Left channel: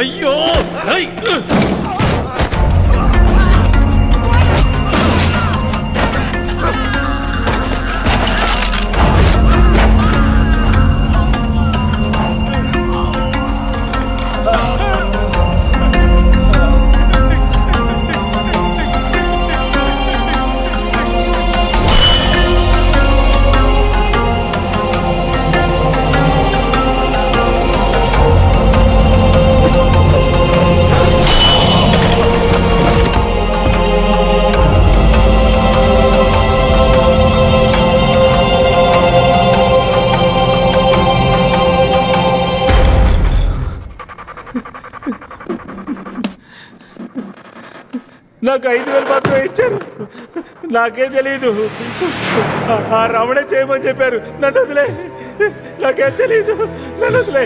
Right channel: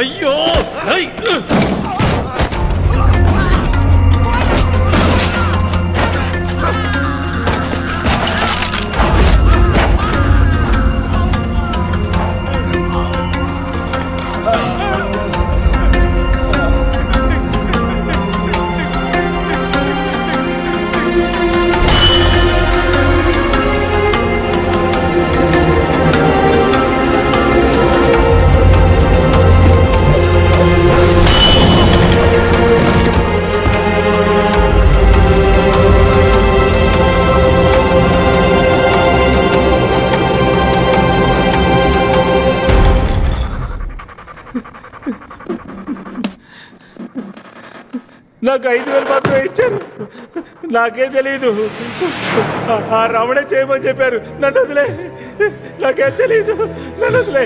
అయ్యో నాకు 5,000 మాత్రమే ఇచ్చారు. నాకేం తెలీదు. ఆ రమణే చేయమని చెప్పారు. నన్ను వదిలే. నాకేం తెలీదు. నన్ను వదిలే.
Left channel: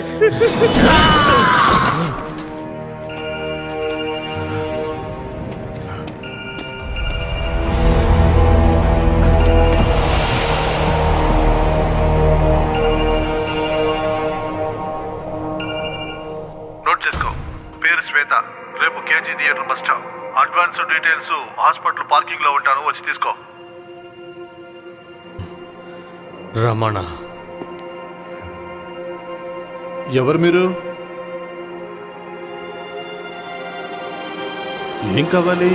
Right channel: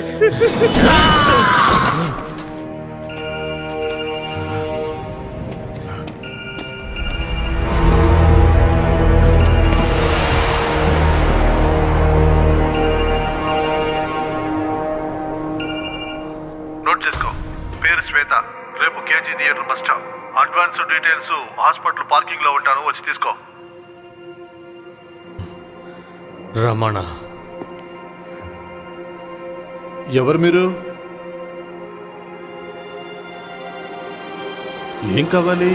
నోట్ చేసుకో. పేరు శ్వేత. రేపు KG theatre bus stop. Advance details hospital parking లో ఉంటాను, వచ్చి తీసుకో. రమణ. ఎవరు మీరు? ఏం కావాలి?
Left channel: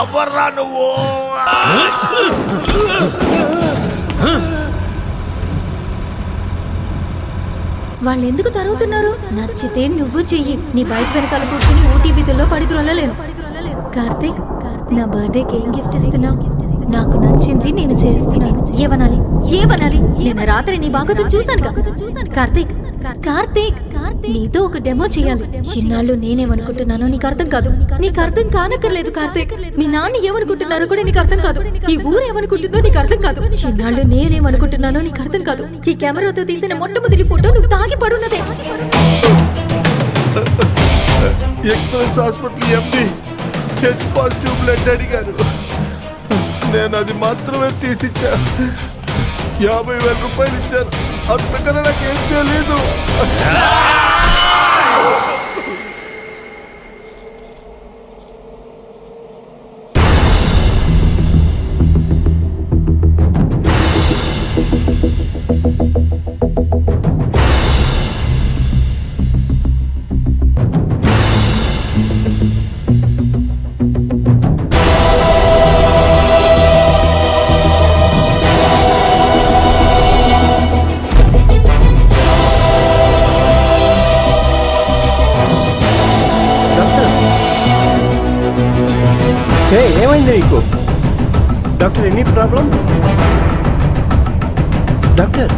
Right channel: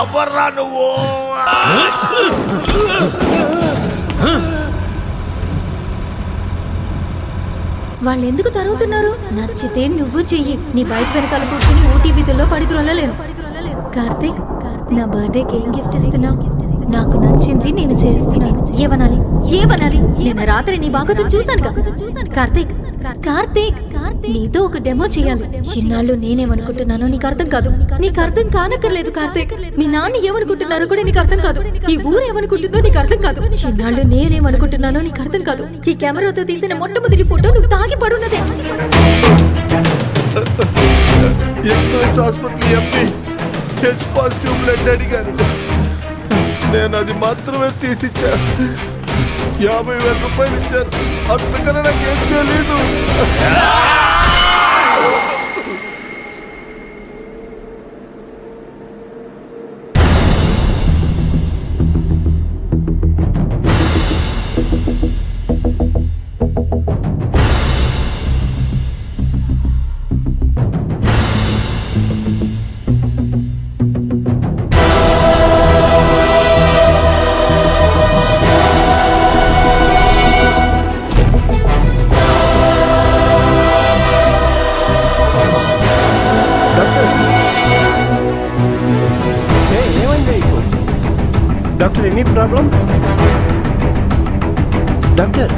ఎవర్రా నువ్వు? వాళ్ళు ఎందుకు తరుగుతున్నారు? నచ్చితే నువ్వు చెయ్యి. నీ బైక్ వెనకాల కూర్చొని ఓటీవీలో పడి త్రొల్లలేను. కార్తీక్, నా బర్త్డేకి ఏం గిఫ్ట్ ఇస్తున్నావు? నాకు నచ్చింది నేను చేస్తున్నాను. ఏమనాలి? నేను రాత్రి నీ బాగోతో చూశాను. కార్తీక్, కార్తీక్, నీతో ఒక డెమో చేయాలి. చిన్నాళ్ళు నేనేమనుకుంటున్నానో నీకు అర్థం కాదు. నీకు అర్థం కానక్కర్లేదు కార్తీక్. మీ నాన్న ఏమనుకుంటున్నారో కూడా నీకు అర్థం కాదు. ఈ ఊరు ఏమనుకుంటుందో నీకు అర్థం కాదు. చిన్నాళ్ళు నేనేమనుకుంటున్నానో నీకు అర్థం కాదు. ఈ కెమెరాతో తీసిన మొట్టమొదటి ఫోటో నువ్వు తాగి పడున్నదే. ఎక్స్ప్రెస్ హాస్పిటల్ ఎండి హెచ్ పాజిటివ్ బ్లడ్ అడిగారు. నేను అది మాత్రమే తీసిచ్చా. 50,000 రూపాయలు ఇచ్చారు. అంతకన్నా నాకేం తెలీదు. ఏమైంది నీకు? Doctor, any problem? డాక్టర్,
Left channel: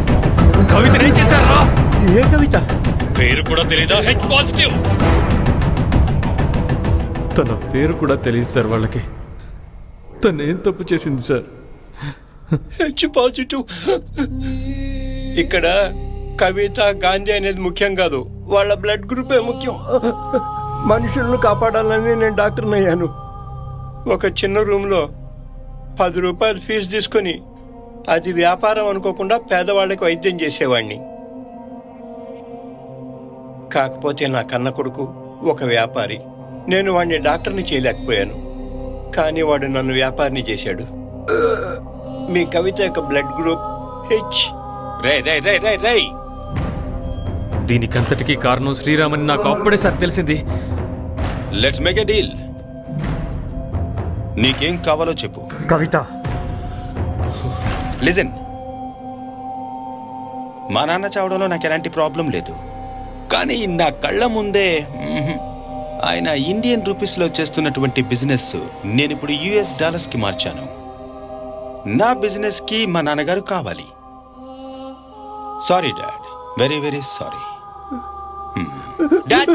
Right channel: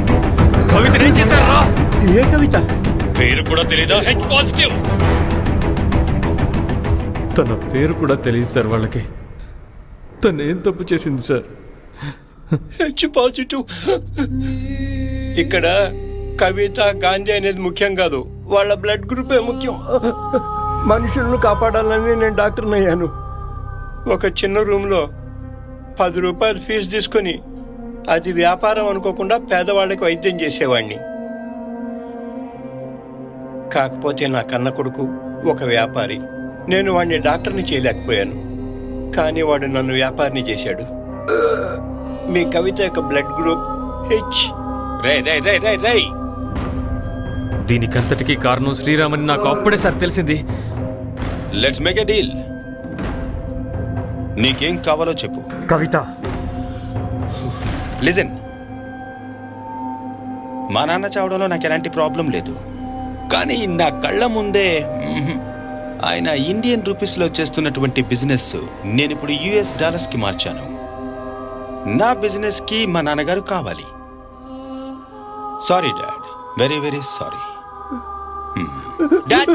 కవిత ఏం చేశారా? ఏ కవిత? పేరు కూడా తెలీదా? H positive. తన పేరు కూడా తెలియదు సార్ వాళ్ళకి. తను ఏం తప్పు చేసింది సార్? H positive. ఇక్కడ కవిత, గాంధీ అనేది ముఖ్యం కాదు, వాళ్ళ బ్లడ్ గ్రూపే ముఖ్యం. మనుషులను కాపాడాలని నేను డాక్టర్ని అయ్యాను. ఒక చిన్న రూమ్లో 10 రూపాయలు ఫీజు తీసుకుని అది వ్యాపారం అనుకోకుండా పేదవాళ్ళకి వైద్యం చేసేవాడిని. కాకపోతే నా కన్న కొడుకు ఒక వ్యాపారి. నేను వాడిని డాక్టర్ని చేయలేకపోయాను, కానీ వాడు నన్ను వ్యాపారిని చేశాడు. మీ కవిత యొక్క బ్లడ్ గ్రూప్ హెచ్. రై దీనికంతటికీ కారణం శ్రీరామని నాకు అప్పుడే సార్ తెలిసింది. Let's make a deal. నీకేం కావాలో చెప్పు. కవిత. లిజన్, మా నాన్న చావడంలో నాకు ఎలాంటి ప్రాబ్లం లేదు, కానీ నా కళ్ళ ముందే ఆయన ఇండియన్ రూపీస్లో చేస్తున్నటువంటి బిజినెస్ నేను ఇప్పుడు యుఎస్ డాలర్స్కి మార్చాను. నా బిజినెస్కి మా నాన్నగారు కావాలి. Sorry dad, very very sorry. Dad,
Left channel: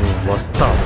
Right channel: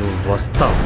నువ్వు వస్తావు.